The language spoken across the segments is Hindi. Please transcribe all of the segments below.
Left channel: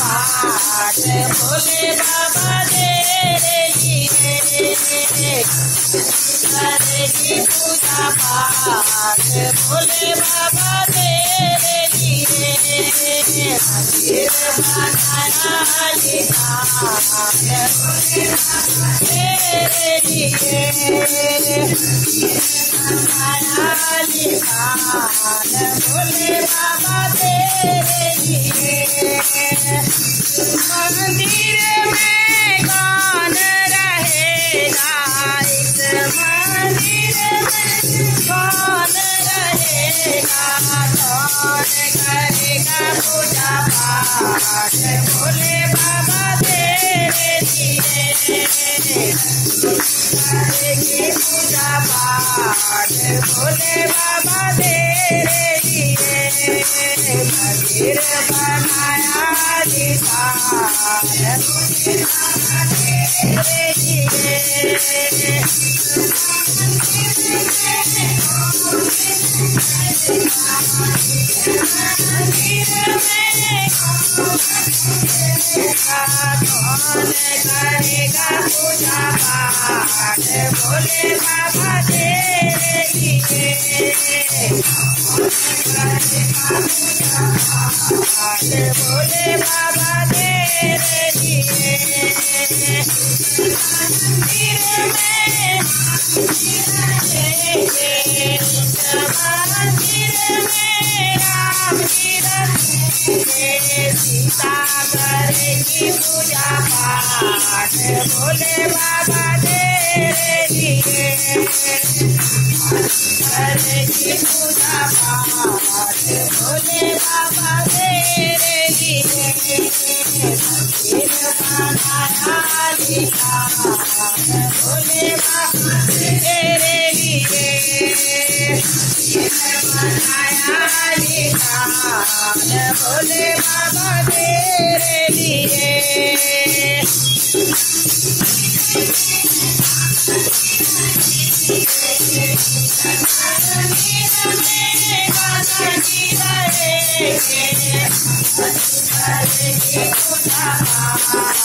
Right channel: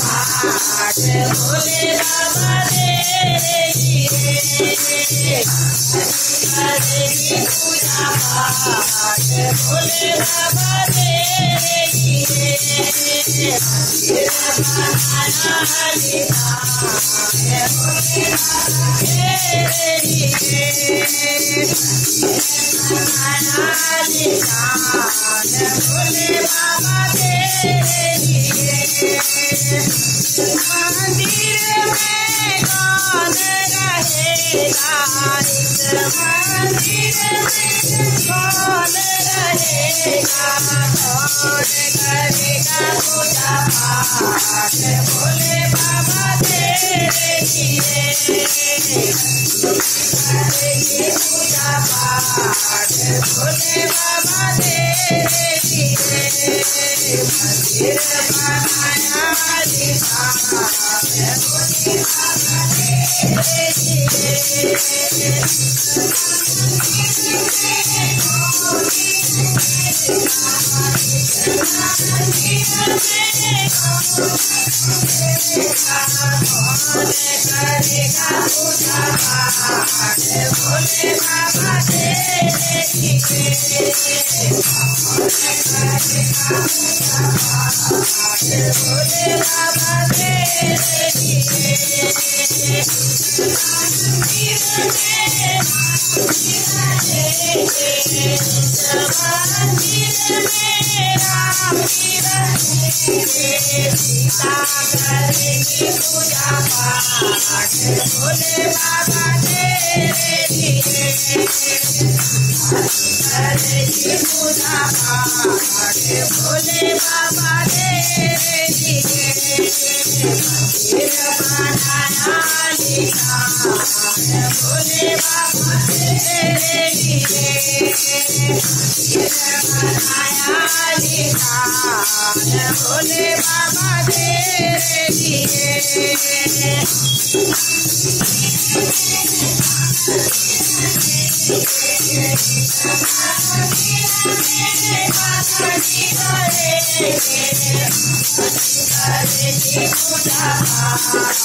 पाठ भोले बाबा तेरे लिए पूजा पाठ भोले बाबा तेरे लिए मंदिर बनाया तेरे लिए भोले बाबा तेरे लिए मंदिर में कौन रहेगा इस मंदिर में कौन रहेगा कौन करेगा पूजा पाठ भोले बाबा तेरे लिए करेगी पूजा पाठ भोले बाबा तेरे लिए मंदिर बनाया तेरे लिए कौन करेगा पूजा पाठ भोले बाबा तेरे लिए भोले बाबा तेरे लिए मंदिर में राम जी सीता करेगी पूजा पाठ भोले बाबा तेरे लिए करेगी पूजा पाठ भोले बाबा तेरे लिए मंदिर बनाया भोले बाबा तेरे लिए बनाया भोले बाबा तेरे लिए पूजा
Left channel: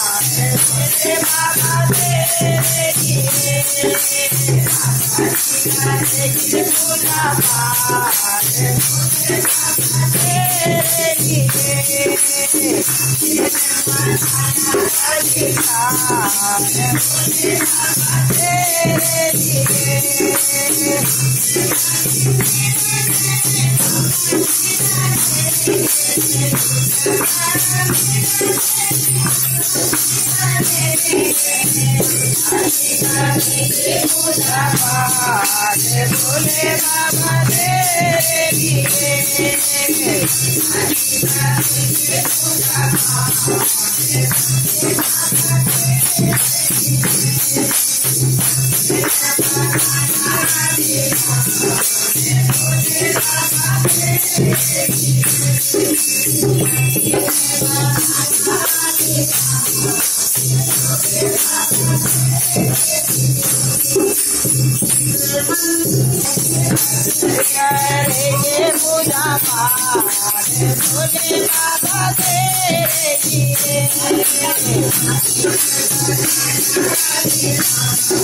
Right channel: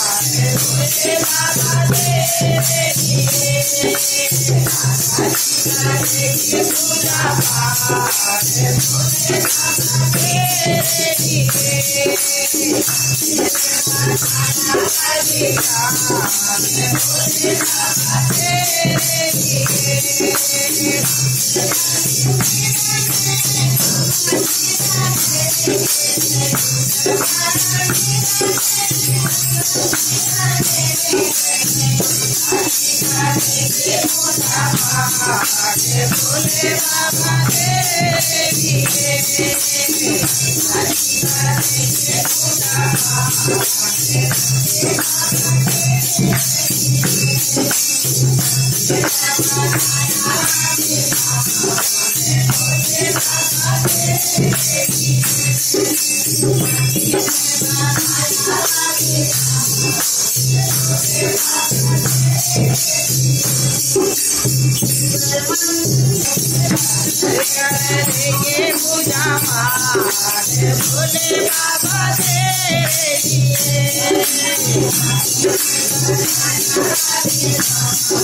पाठ भोले बाबा तेरे लिए पूजा पाठ तेरे लिए पूजा पाठ भोले बाबा तेरे लिए करेंगे पूजा पाठ भोले बाबा तेरे लिए